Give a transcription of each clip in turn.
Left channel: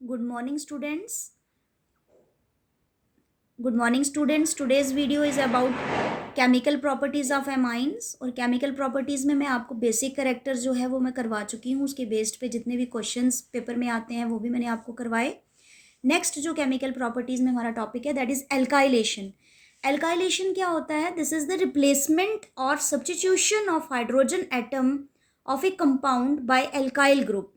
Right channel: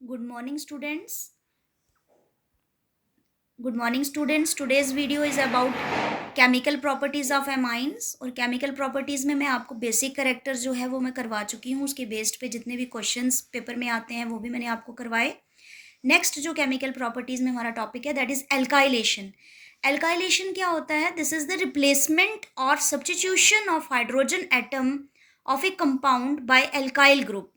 Good morning, students. Good morning, students. Today's video is about chemical properties of amines और chemical properties में मैं आपको basic character जो है वो मैं करवा चुकी हूँ. उसके बेस्ड पे जितने भी क्वेश्चंस पेपर में आते हैं वो भी मैंने आपको करवाए. नेक्स्ट जो केमिकल प्रॉपर्टीज में हमारा टॉपिक है दैट इज एल्काइलेशन. एल्काइलेशन क्या होता है? दिस इज द रिप्लेसमेंट और substitution of hydrogen atom of a compound by alkyl group.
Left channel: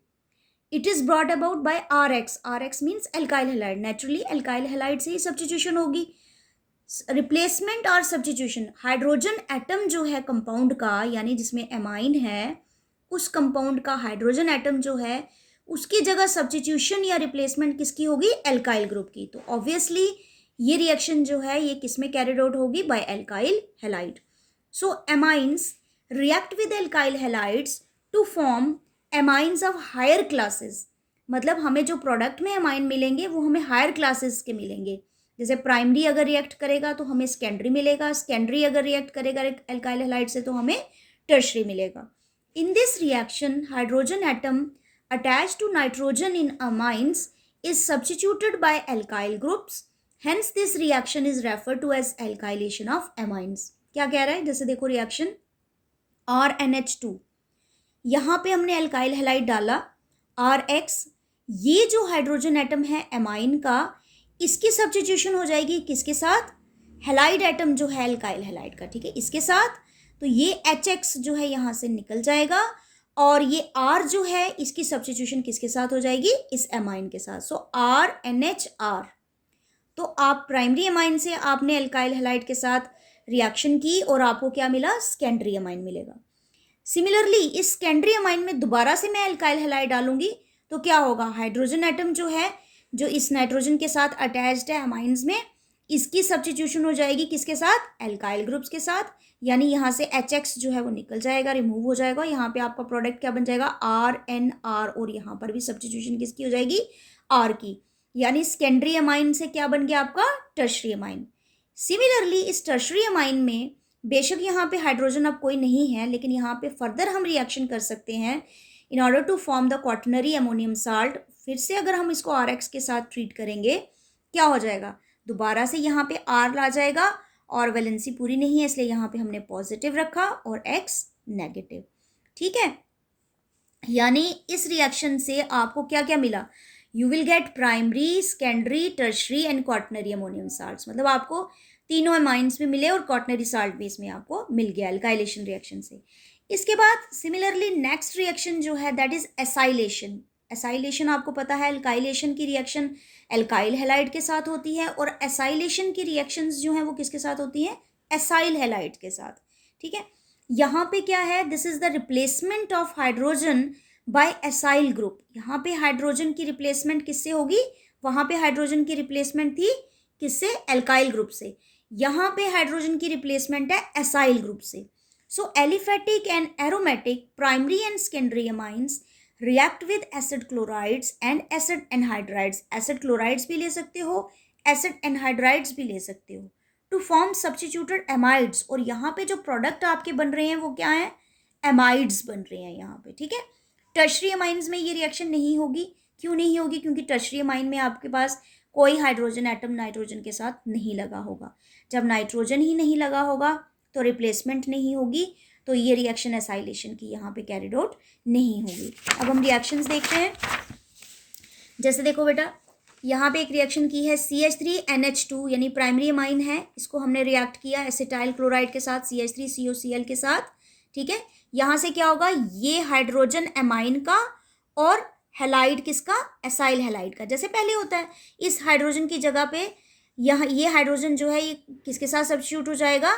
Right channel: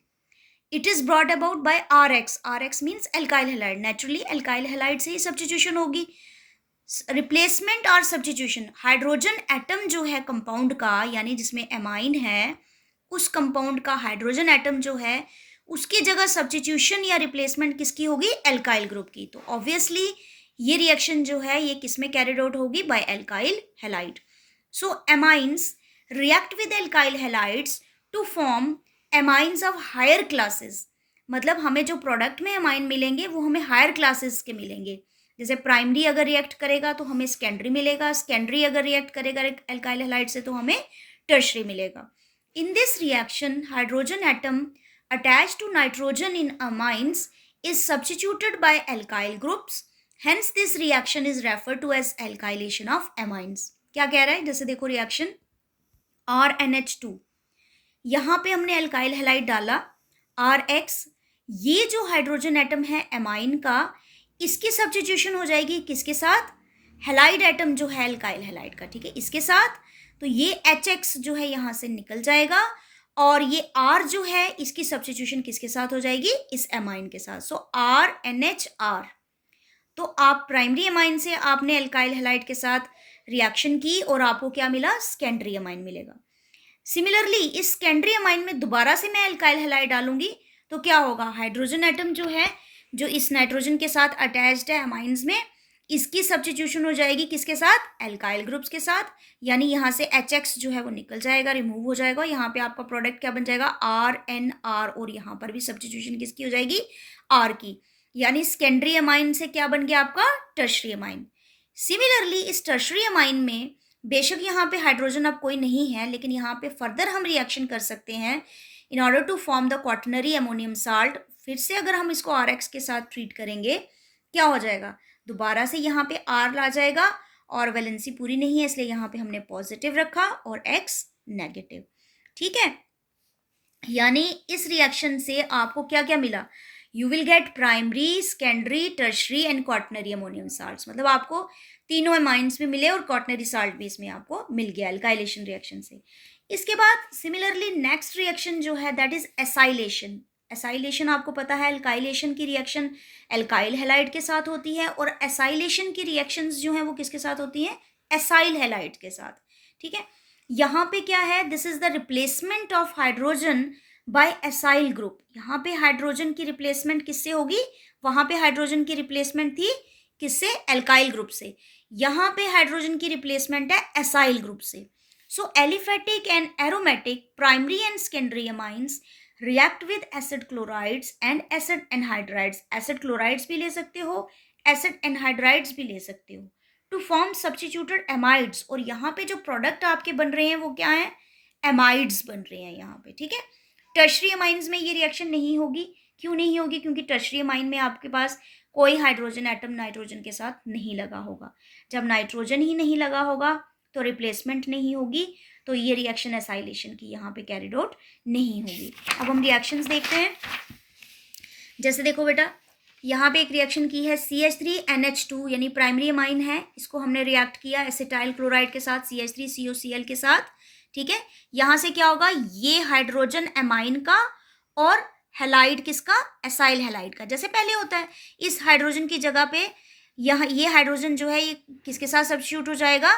It is brought about by R X. R X means alkyl halide. Naturally alkyl halide से ही substitution होगी. Replacement और substitution, hydrogen atom जो है compound का, यानी जिसमें amine है, उस कंपाउंड का हाइड्रोजन एटम जो है उसकी जगह सब्स्टिट्यूशन या रिप्लेसमेंट किसकी होगी? एल्काइल ग्रुप की. तो ऑब्वियसली ये रिएक्शन जो है ये किसमें कैरिड आउट होगी? By alkyl halide. So amines react with alkyl halides to form amines of higher classes. मतलब हमें जो प्रोडक्ट में एमाइन मिलेंगे वो हमें हायर क्लासेस के मिलेंगे. जैसे प्राइमरी अगर रिएक्ट करेगा तो हमें सेकेंडरी मिलेगा, सेकेंडरी अगर रिएक्ट करेगा एल्काइल हैलाइड से तो हमें टर्शरी मिलेगा. In this reaction hydrogen atom attached to nitrogen in amines is substituted by alkyl groups. Hence this reaction is referred to as alkylation of amines. क्या कह रहा है? जैसे देखो रिएक्शन RNH2, यहाँ पे हमने अल्काइल हैलाइड डाला RX. ये जो हाइड्रोजन एटम है एमाइन का, इसकी सब्स्टिट्यूशन हो जाएगी किसके साथ? हैलाइड एटम जो है अल्काइल हैलाइड का, ठीक है, इसके साथ. तो ये HX जो है यहाँ से निकल जाएगा और ये R जो है इसकी सब्स्टिट्यूशन किसके साथ हो जाएगी? इस एमाइन के साथ. सो RNHR. तो आप प्राइमरी एमाइन से आपने अल्काइल हैलाइड के साथ रिएक्शन की और आपको क्या मिला? सेकेंडरी एमाइन मिलेगा. सिमिलरली इस सेकेंडरी एमाइन में दोबारा से मैं अल्काइल हैलाइड डालूंगी तो क्या होगा? हाइड्रोजन एटम जो है जो इस नाइट्रोजन के साथ अटैच्ड है एमाइंस में, इसकी सब्स्टिट्यूशन हो जाएगी किसके साथ? एल्काइल ग्रुप्स के साथ. यानी यहाँ से HX जो है वो निकल जाएगा, रिमूव हो जाएगा. यहाँ पे आपका प्रोडक्ट क्या बन जाएगा? RNR. और यहाँ पर भी सब्स्टिट्यूशन किसकी हो जाएगी? R की. यानी सेकेंडरी अमाइन से क्या बन गया आपका? Tertiary amine. सिमिलरली इस टर्शरी अमाइन में बेशक यहाँ पे हाइड्रोजन अब कोई नहीं है, लेकिन यहाँ पे फर्दर हम रिएक्शन कर सकते हैं in order to form the quaternary ammonium salt. फिर से अगर हम इसको RX के साथ ट्रीट करेंगे क्या हो जाएगा? दोबारा से यहाँ पे R ला जाएगा और वैलेंसी पूरी नहीं है इसलिए यहाँ पे हमने पॉजिटिव रखा और X नेगेटिव. ठीक है, यानी इस रिएक्शन से आपको क्या क्या मिला? You will get primary, secondary, tertiary and quaternary ammonium salts. मतलब आपको तीनों अमाइंस भी मिले और क्वाटर्नरी साल्ट भी इसमें आपको मिल गया एल्काइलेशन रिएक्शन से. इसके बाद सिमिलरली नेक्स्ट रिएक्शन जो है दैट इज एसाइलेशन. एसाइलेशन आपको पता है एल्काइलेशन की रिएक्शन एल्काइल हैलाइड के साथ होती है और एसाइलेशन की रिएक्शंस जो हैं वो किसके साथ होती हैं? एसाइल हैलाइड के साथ. ठीक है, यहाँ पे क्या है? This is the replacement of hydrogen bye acyl group. यहाँ पे हाइड्रोजन की रिप्लेसमेंट किससे होगी? वहाँ पे हाइड्रोजन की रिप्लेसमेंट थी किससे? एल्काइल ग्रुप से. यहाँ पे हाइड्रोजन की रिप्लेसमेंट है एसाइल ग्रुप से. So aliphatic and aromatic primary and secondary amines react with acid chlorides and acid anhydrides. Acid chlorides भी ले सकते हो, एसिड एनहाइड्राइड्स भी ले सकते हो, टू फॉर्म सब्स्टिट्यूटेड एमाइड्स. और यहाँ पे जो प्रोडक्ट आपके बन रहे हैं वो क्या है? एमाइड्स बन रहे हैं यहाँ पे. ठीक है, टर्शरी अमाइंस में ये रिएक्शन नहीं होगी. क्यों नहीं होगी? क्योंकि टर्शरी अमाइन में आपके पास कोई हाइड्रोजन एटम नाइट्रोजन के साथ नहीं लगा होगा. जब नाइट्रोजन ही नहीं लगा होगा तो रिप्लेसमेंट नहीं होगी, तो ये रिएक्शन एसाइलेशन की यहाँ पे कैरिड आउट नहीं होगी. अब हम रिएक्शंस देखते हैं. जैसे देखो बेटा, यहाँ पे एक रिएक्शन की है CH3NH2 यानी प्राइमरी अमाइन है, इसको हमने रिएक्ट किया एसिटाइल क्लोराइड के साथ CH3COCl के साथ. ठीक है, यहाँ से क्या होगा? ये हाइड्रोजन अमाइन का और हैलाइड किसका? एसाइल हैलाइड का. जैसे पहले होता है इस हाइड्रोजन की जगह पे यहाँ ये हाइड्रोजन जो है ये किसके साथ सब्स्टिट्यूट हो जाएगा?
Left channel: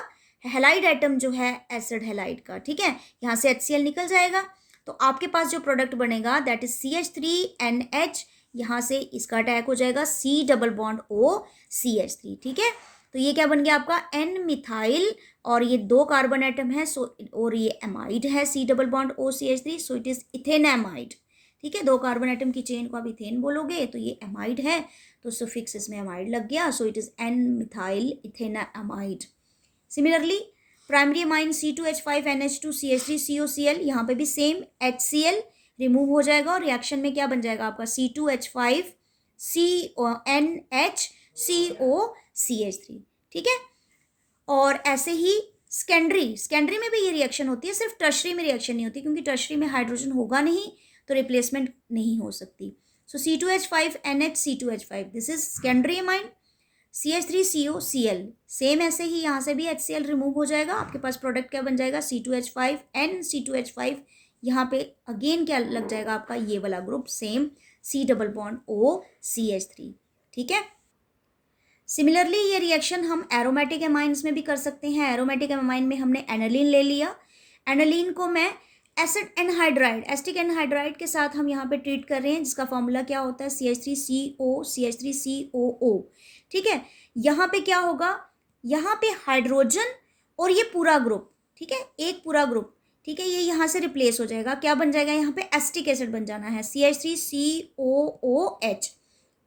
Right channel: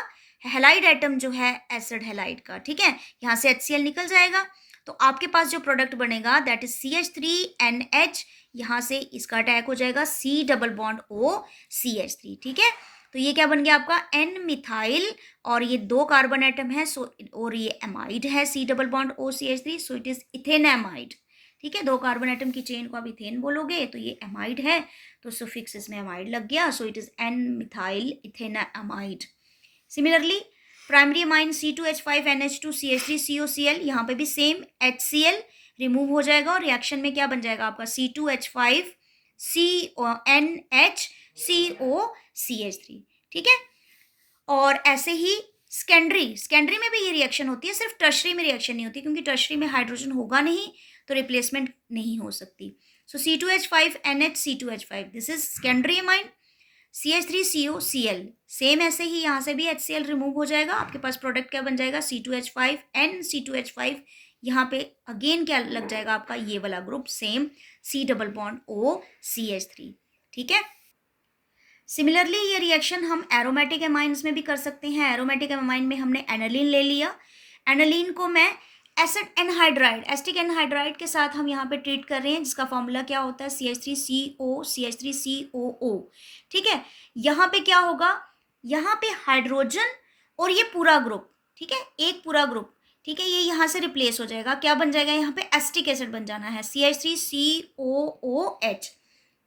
हैलाइड एटम जो है एसिड हैलाइड का. ठीक है, यहाँ से HCl निकल जाएगा तो आपके पास जो प्रोडक्ट बनेगा दैट इज CH3NH. यहाँ से इसका अटैक हो जाएगा C double bond O CH3. ठीक है, तो ये क्या बन गया आपका? N मिथाइल और ये 2 कार्बन एटम है सो और ये एमाइड है C double bond O CH3. So it is ethanamide. ठीक है, 2 कार्बन एटम की चेन को आप इथेन बोलोगे तो ये एमाइड है तो सुफिक्स इसमें एमाइड लग गया. So it is N methyl ethanamide. Similarly primary amine C2H5NH2CH3COCl, यहाँ पे भी सेम HCl रिमूव हो जाएगा और रिएक्शन में क्या बन जाएगा आपका? C2H5 NHCOCH3, ठीक है। और ऐसे ही सेकेंडरी में भी ये रिएक्शन होती है, सिर्फ टर्शरी में रिएक्शन नहीं होती, क्योंकि टर्शरी में हाइड्रोजन होगा नहीं तो रिप्लेसमेंट नहीं हो सकती। सो C2H5 NHC2H5, this is secondary amine. CH3COCl, same ऐसे ही यहाँ से भी HCl रिमूव हो जाएगा, आपके पास प्रोडक्ट क्या बन जाएगा, C2H5 NC2H5। यहाँ पे अगेन क्या लग जाएगा आपका, ये वाला group same, C double bond OCH3, ठीक है। सिमिलरली ये रिएक्शन हम एरोमेटिक एमाइंस में भी कर सकते हैं। एरोमेटिक एमाइन में हमने एनालिन ले लिया, एनालिन को मैं एसिड एनहाइड्राइड, एसिटिक एनहाइड्राइड के साथ हम यहाँ पे ट्रीट कर रहे हैं, जिसका फॉर्मूला क्या होता है, CH3COCH3COO, ठीक है। यहाँ पे क्या होगा, यहाँ पे हाइड्रोजन और ये पूरा ग्रुप, ठीक है, एक पूरा ग्रुप, ठीक है, ये यहाँ से रिप्लेस हो जाएगा, क्या बन जाएगा, यहाँ पे एसिटिक एसिड बन जाना है, CH3COOH।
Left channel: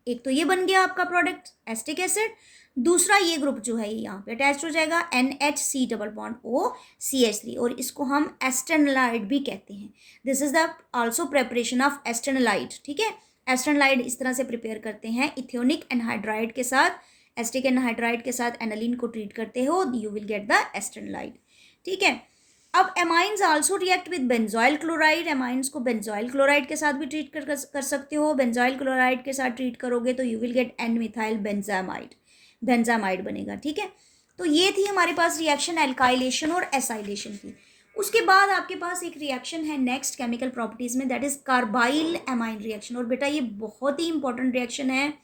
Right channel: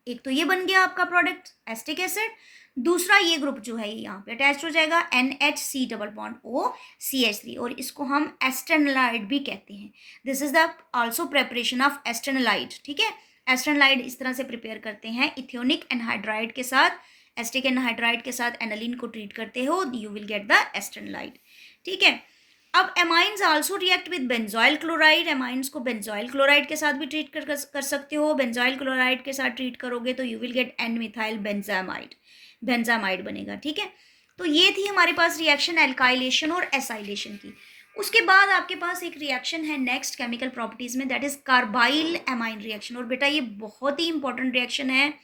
एक तो ये बन गया आपका प्रोडक्ट एसिटिक एसिड, दूसरा ये ग्रुप जो है ये यहाँ पे अटैच हो जाएगा, NHC डबल बॉन्ड OCH3, और इसको हम एस्टेनोलाइड भी कहते हैं। This is the also preparation of acetanilide, ठीक है। एस्टेनोलाइड इस तरह से प्रिपेयर करते हैं, इथियोनिक एनहाइड्राइड के साथ, एसिटिक एनहाइड्राइड के साथ एनालिन को ट्रीट करते हो, यू विल गेट द एस्टेनोलाइड, ठीक है। अब amines also react with benzoyl chloride, amines को बेंजोइल क्लोराइड के साथ भी ट्रीट कर सकते हो। बेंजोइल क्लोराइड के साथ ट्रीट करोगे तो you will get an methyl benzamide, benzamide बनेगा, ठीक है। तो ये थी हमारे पास रिएक्शन एल्काइलेशन और एसाइलेशन की। उसके बाद आपके पास एक रिएक्शन है नेक्स्ट केमिकल प्रॉपर्टीज में, दैट इज कार्बाइल एमाइन रिएक्शन। और बेटा ये बहुत ही इंपॉर्टेंट रिएक्शन है,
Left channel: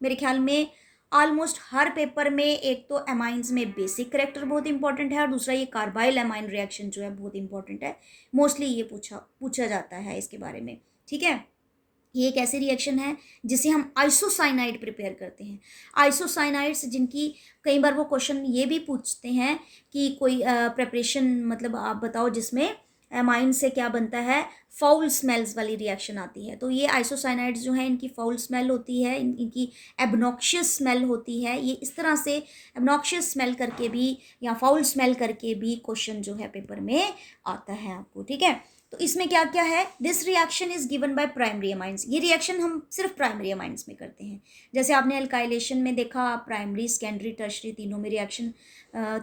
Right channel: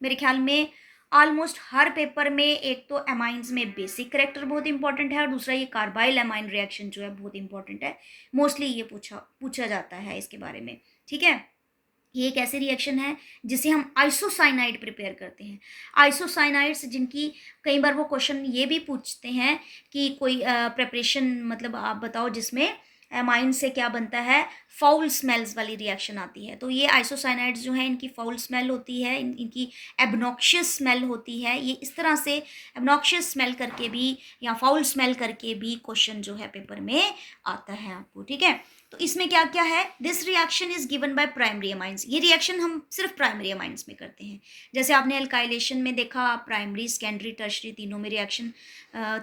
मेरे ख्याल में ऑलमोस्ट हर पेपर में एक तो एमाइंस में बेसिक करेक्टर बहुत इंपॉर्टेंट है, और दूसरा ये कार्बाइल एमाइन रिएक्शन जो है बहुत इंपॉर्टेंट है, मोस्टली ये पूछा जाता है इसके बारे में, ठीक है। ये एक ऐसी रिएक्शन है जिसे हम आइसोसाइनाइड प्रिपेयर करते हैं। आइसोसाइनाइड्स जिनकी कई बार वो क्वेश्चन ये भी पूछते हैं कि कोई प्रिपरेशन मतलब आप बताओ जिसमें एमाइन से क्या बनता है, फाउल स्मेल्स वाली रिएक्शन आती है। तो ये आइसोसाइनाइड्स जो है इनकी फाउल स्मेल होती है, इनकी एबनॉक्शियस स्मेल होती है। ये इस तरह से एबनॉक्शियस स्मेल करके भी या फाउल स्मेल करके भी क्वेश्चन जो है पेपर में आता है आपको, ठीक है। तो इसमें क्या क्या है, this reaction is given by primary amines. ये रिएक्शन हम सिर्फ प्राइमरी अमाइंस में करते हैं। जैसे आपने अल्काइलेशन में देखा, प्राइमरी सेकेंडरी टर्शरी तीनों में रिएक्शन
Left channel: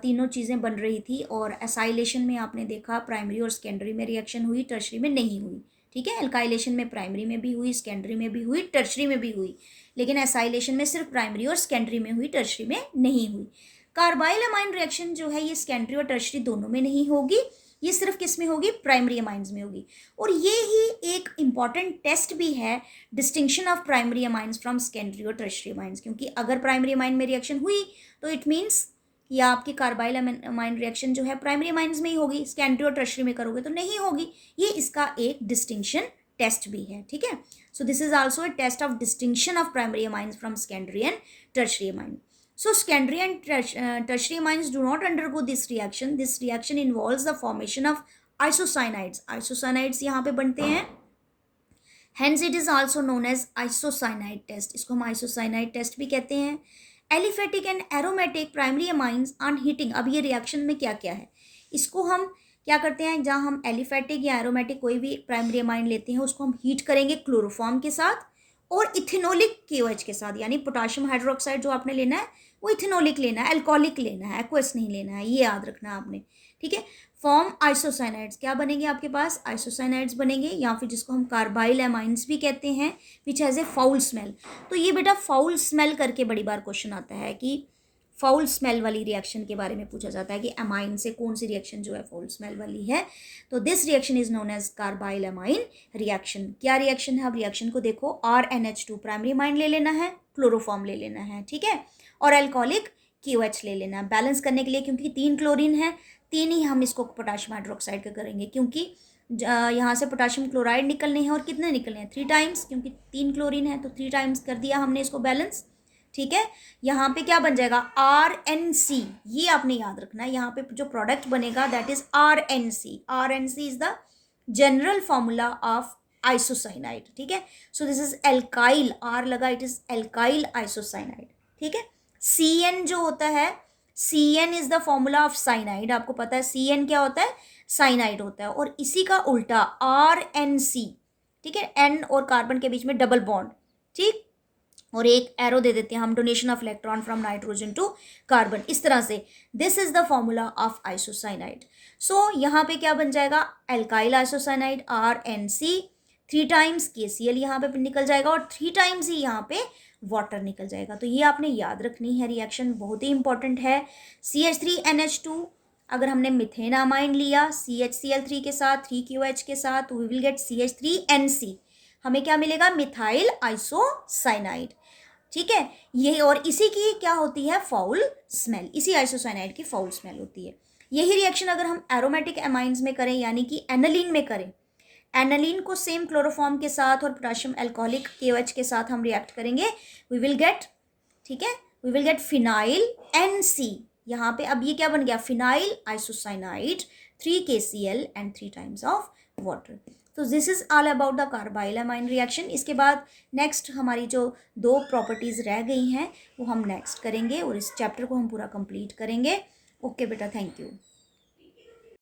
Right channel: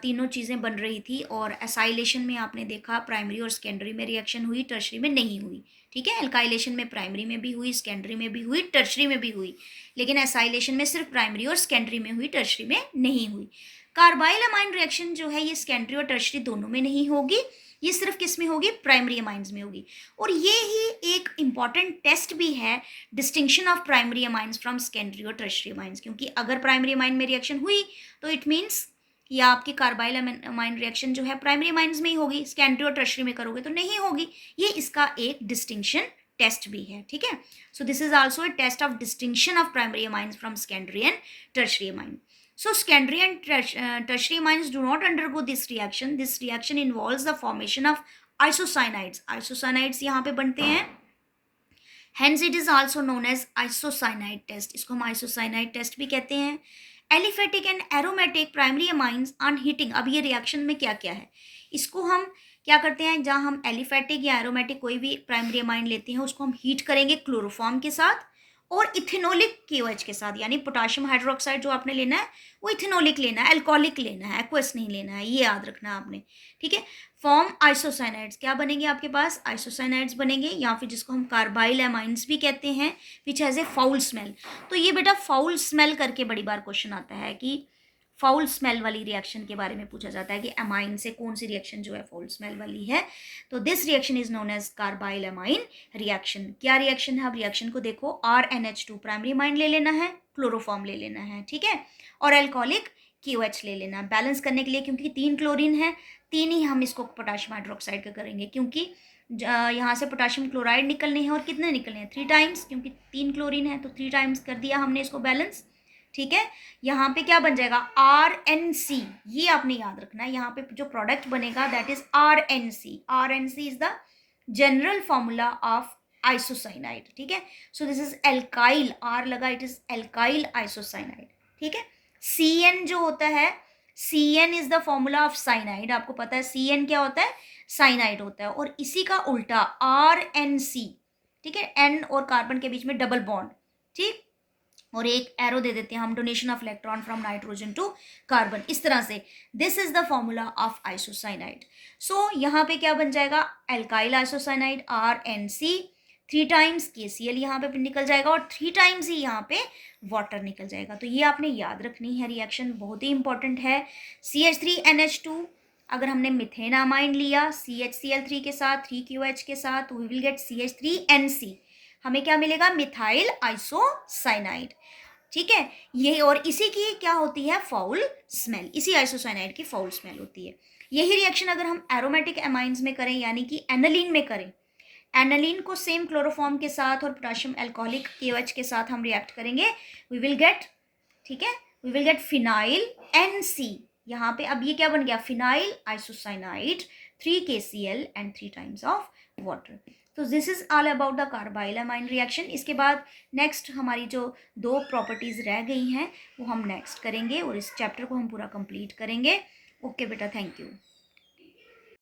तीनों चीज़ें बन रही थी, और एसाइलेशन में आपने देखा प्राइमरी और सेकेंडरी में रिएक्शन हुई, टर्शरी में नहीं हुई, ठीक है। अल्काइलेशन में प्राइमरी में भी हुई, सेकेंडरी में भी हुई, टर्शरी में भी हुई, लेकिन एसाइलेशन में सिर्फ प्राइमरी और सेकेंडरी में हुई, टर्शरी में नहीं हुई। कार्बाइल अमाइन रिएक्शन जो है ये सेकेंडरी और टर्शरी दोनों में नहीं होगी, ये सिर्फ किस में होगी, प्राइमरी अमाइंस में होगी। और ये ही एक इम्पॉर्टेंट टेस्ट भी है, distinction of primary amines from secondary और टर्शरी अमाइंस, क्योंकि अगर प्राइमरी अमाइन में रिएक्शन हुई तो इट मीन्स या आपकी कार्बाइल अमाइन रिएक्शन जो है प्राइमरी अमाइंस में ही होगी, सेकेंडरी और टर्शरी में करोगे तो नहीं होगी। ये इसका एक डिस्टिंक्शन टेस्ट भी है, ठीक है। So this is also a test of distinction of primary amines from secondary and tertiary amine. So secondary and tertiary amines do not undergo this reaction. This reaction involves the formation of isocyanides. Isocyanides यहाँ पे बनते हैं. Hence it is also known as isocyanide test. इसको हम isocyanide test भी कहते हैं. Aliphatic and aromatic primary amines on heating. अब ये रिएक्शन में क्या क्या है, इसको हम क्या करते हैं, जहाँ हम एलिफेटिक या एरोमेटिक कोई भी प्राइमरी अमाइन लेते हैं उसको हम हीट करेंगे क्लोरोफॉर्म के साथ और इथेनोलिक KOH के साथ, यानी पोटाशियम हाइड्रोक्साइड जो आपने लेना है वो इथेनोलिक लेना है, अल्कोहलिक लेना है, एक्वस नहीं लेना है, ये याद रखना आपने, ठीक है। फॉर्म आइसोसाइनाइड्स, क्या बनेंगे आपके पास, आइसोसाइनाइड्स बनेंगे, या फिर जिसको हम कार्बाइल एमाइंस भी कहते हैं, which has a foul smell. तो ये बेटा फाउल स्मेल करके बड़ी बार क्वेश्चन आता है कि फाउल स्मेल वाली रिएक्शन के बारे में पूछा जाता है कि एमाइन से कौन सी रिएक्शन जो है फाउल स्मेल वाली है। तो this reaction is known as carbylamine एमाइन रिएक्शन। क्या रिएक्शन है, अब रिएक्शन को देखो, RNH2 प्राइमरी अमाइन ले लेना है, क्लोरोफॉर्म ले लेना है, ठीक है, और अल्कोहलिक KOH ले लेना बैलेंस करने के लिए, क्योंकि 3 क्लोरीन है, 3 ही हम इसको पोटाशियम हाइड्रोक्साइड का करेंगे, क्योंकि यहाँ से पोटाशियम क्लोराइड निकलने हैं, और कितने निकलने हैं 3 टाइम्स, क्योंकि 3 क्लोरीन है तो 3 टाइम्स कर दिया हमने इसको बैलेंस, ठीक है। यहाँ पे क्या बन जाएगा RNC, ये आपने याद रखना है, यहाँ पे जो प्रोडक्ट बनेगा that is RNC। RNC is the general formula of isocyanide, ठीक है। So this is alkyl, R लगा, इट इज एल्काइल आइसोसाइनाइड, ठीक है। CN जो होता है, CN is the formula of cyanide, आपको पता है CN क्या होता है, साइनाइड होता है, और इसी का उल्टा RNC, ठीक है, N और कार्बन के बीच में डबल बॉन्ड, ठीक, और एक एरो दे देते हैं हम, donation of electron from nitrogen to carbon, इस तरह से। This is the formula of isocyanide. So यहाँ पे क्या बन जाएगा, alkyl isocyanide RNC, 3 times KCl यहाँ पे निकल जाएगा और 3 टाइम्स ही यहाँ पे वाटर निकल जाएगा। तो ये आपने याद रखनी है, रिएक्शन बहुत ही इंपॉर्टेंट है। CH3NH2, अगर हमने मिथेनामाइन लिया CHCl3 के साथ 3QH के साथ, तो वी विल गेट CH3NC, हमें क्या मिलेगा, मिथाइल आइसोसाइनाइड। ठीक है, ये और इसी की क्या होती है, फाउल स्मेल, इसी आइसोसाइनाइड की फाउल स्मेल होती है। यही रिएक्शन अगर हम एरोमेटिक एमाइंस में करें, यानी कि एनालिन में करें, एनालिन को सेम क्लोरोफॉर्म के साथ और पोटेशियम अल्कोहलिक KOH के साथ हम रिएक्ट करेंगे, वी विल गेट, ठीक है, we will get phenyl NC। यहाँ पे अब ये क्या बन गया, phenyl isocyanide, 3 KCl and 3 times of water. तो this is all about the carbylamine reaction. इसके बाद नेक्स्ट हमारी जो 2 प्रॉपर्टीज रह गई हैं वो हम नेक्स्ट करेंगे और इस चैप्टर को हम पूरा कंप्लीट करेंगे। ओके बेटा, थैंक यू।